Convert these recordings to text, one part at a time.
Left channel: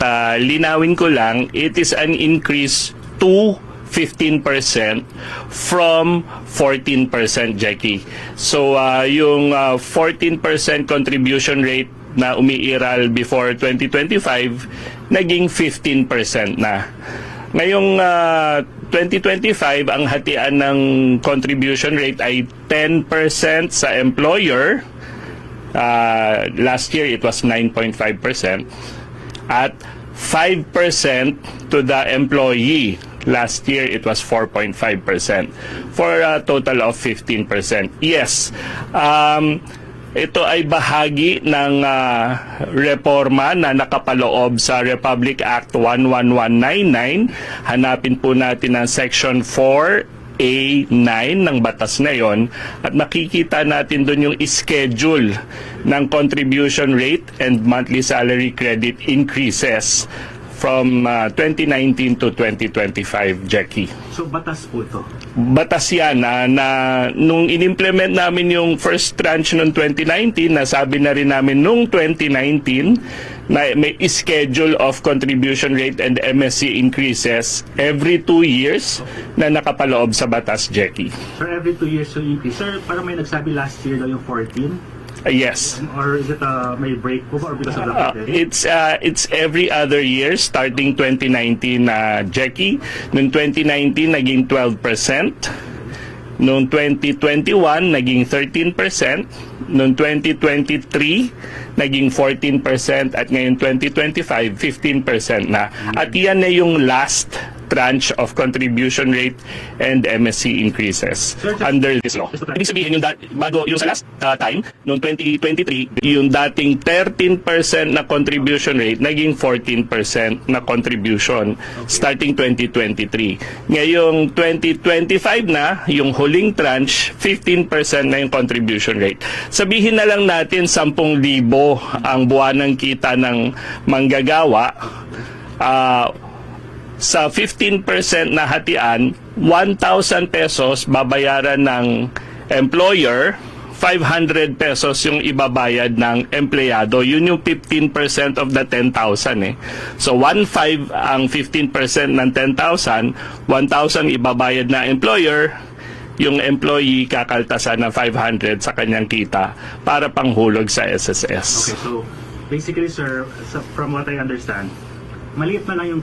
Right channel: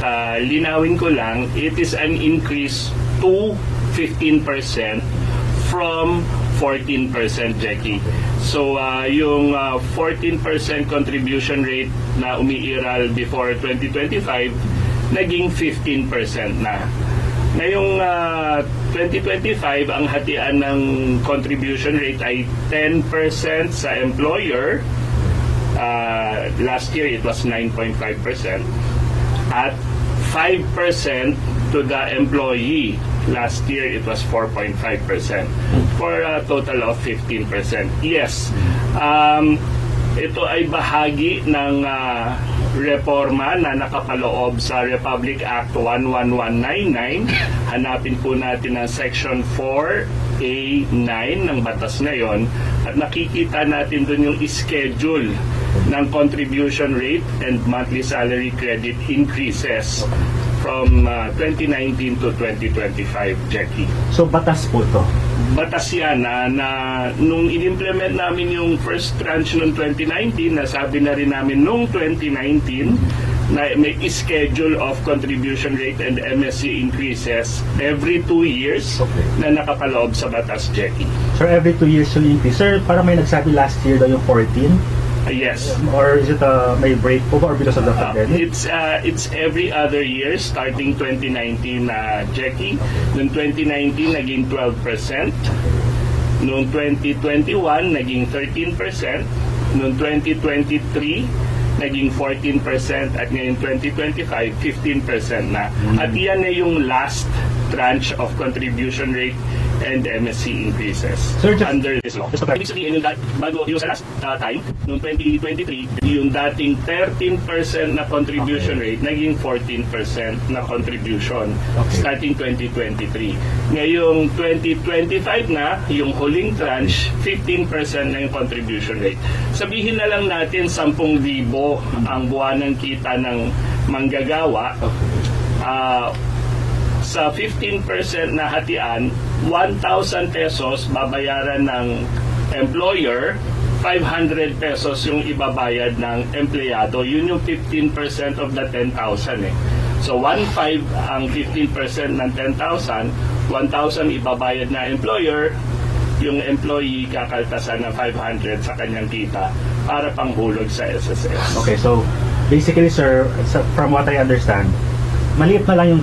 uh, linawin ko lang, it is an increase to 15% from 14% Jackie. So uh, yung uh, 14% contribution rate na umiiral before 2025 naging 15% na. Ngayong uh, 2025 ang hatian ng contribution rate ay 10% sa employer. Uh, last year it was 9.5% at 5% to the employee. Last year, it was 4.5% for a total of 15%. Yes, um, ito ay bahagi ng ah, reforma na nakapaloob sa Republic Act 11199. Hanapin po natin ang Section 4A9 ng batas na yon at makikita natin doon yung schedule ng contribution rate and monthly salary credit increases from uh, 2019 to 2025, Jackie. So batas po to. Batas yan na, na nung inimplement namin yung first tranche noong 2019, nasabi na rin namin noong 2019 na may schedule of contribution rate and MSC increases every two years na nakapaloob sa batas, Jackie. Sir, every two years yung increase. Sir, parang may nagsabi last year daw yung 14. Uh, yes. Or is it uh, may break po ba or because of the Uh, pandemic? it's uh, it's every other year starting 2019 na Jackie. Noong 2019 naging 12%. Noong 2021 naging 13%. Noong 2023 naging 14% at ngayon 2025 15% na. At iyan na yung last tranche of contribution rate and MSC increases Sir, just- under this law. Just Ibig sabihin yung bago yung sa last uh, time, noong 2023, yung dating 13% na contribution rate, naging 14% na contribution starting 2023. Ngayong 2025 na, yung huling tranche, 15% na yung contribution rate. Sabihin na lang natin 10,000 ang buwanang kita ng manggagawa. Ah, sa 15% na hatian, 1,000 pesos babayaran ng employer, 500 pesos yung ibabayad ng empleyado. Yun yung 15% of the 10,000 eh. So 1,500 ang 15% ng 10,000, 1,000 ibabayad na employer, yung employee kakaltasan ng 500 sa kanyang kita para panghulog sa SSS. Okay, so basically sir, from what I understand, maliit na lang yung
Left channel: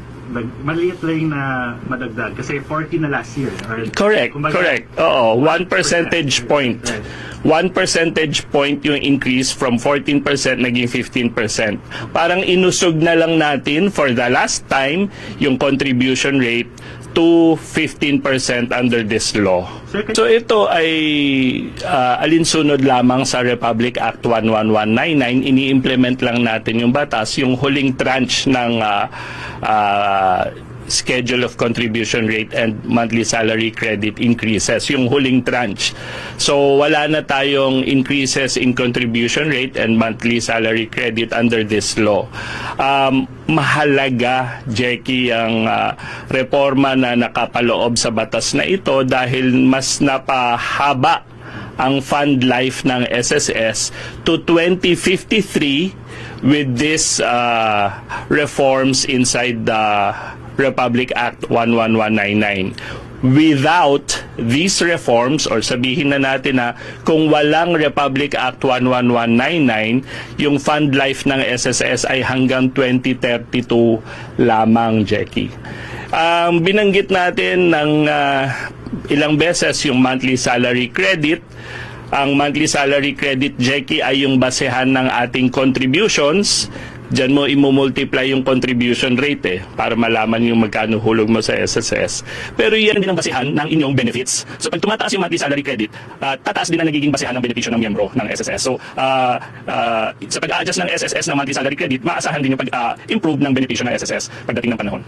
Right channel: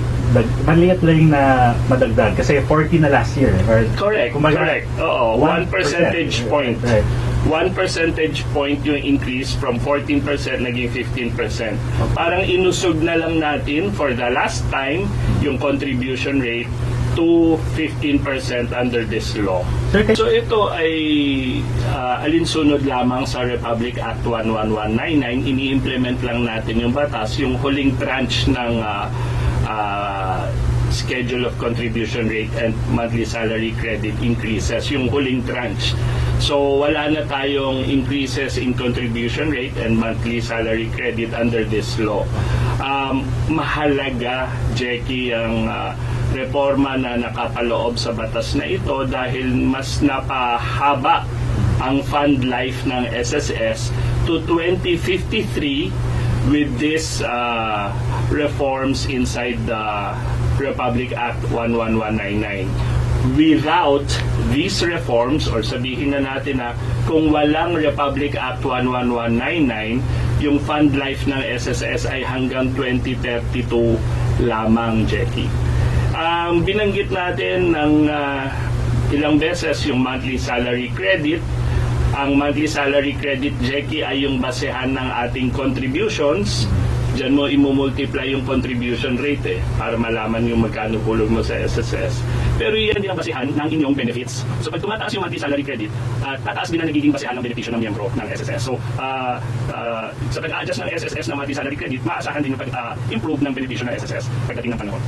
maliit lang yung na madagdag kasi 40 na last year. eh, Or, Correct, Kumbaga, correct. Oo, one 1%. percentage point. Right. One percentage point yung increase from 14% naging 15%. Parang inusog na lang natin for the last time yung contribution rate to 15% under this law. So ito ay ah, alinsunod lamang sa Republic Act 11199. Ini-implement lang natin yung batas, yung huling tranche ng ah, ah, schedule of contribution rate and monthly salary credit increases, yung huling tranche. So wala na tayong increases in contribution rate and monthly salary credit under this law. Um, mahalaga, Jackie, ang ah, reforma na nakapaloob sa batas na ito dahil mas napahaba ang fund life ng SSS to 2053 with this uh, reforms inside the Republic Act 11199. Without these reforms, or sabihin na natin na kung walang Republic Act 11199, yung fund life ng SSS ay hanggang 2032 lamang, Jackie. Um, binanggit natin ng ah, ilang beses yung monthly salary credit. Ang monthly salary credit, Jackie, ay yung basehan ng ating contributions. Diyan mo imumultiply yung contribution rate eh, para malaman yung magkano hulog mo sa SSS. Pero yan din ang basehan ng inyong benefits. So pag tumataas yung monthly salary credit, uh, tataas din ang nagiging basehan ng benepisyo ng miyembro ng SSS. So uh, uh, sa pag-adjust ng SSS ng monthly salary credit, maasahan din yung pag-improve ng benepisyo ng SSS pagdating ng panahon.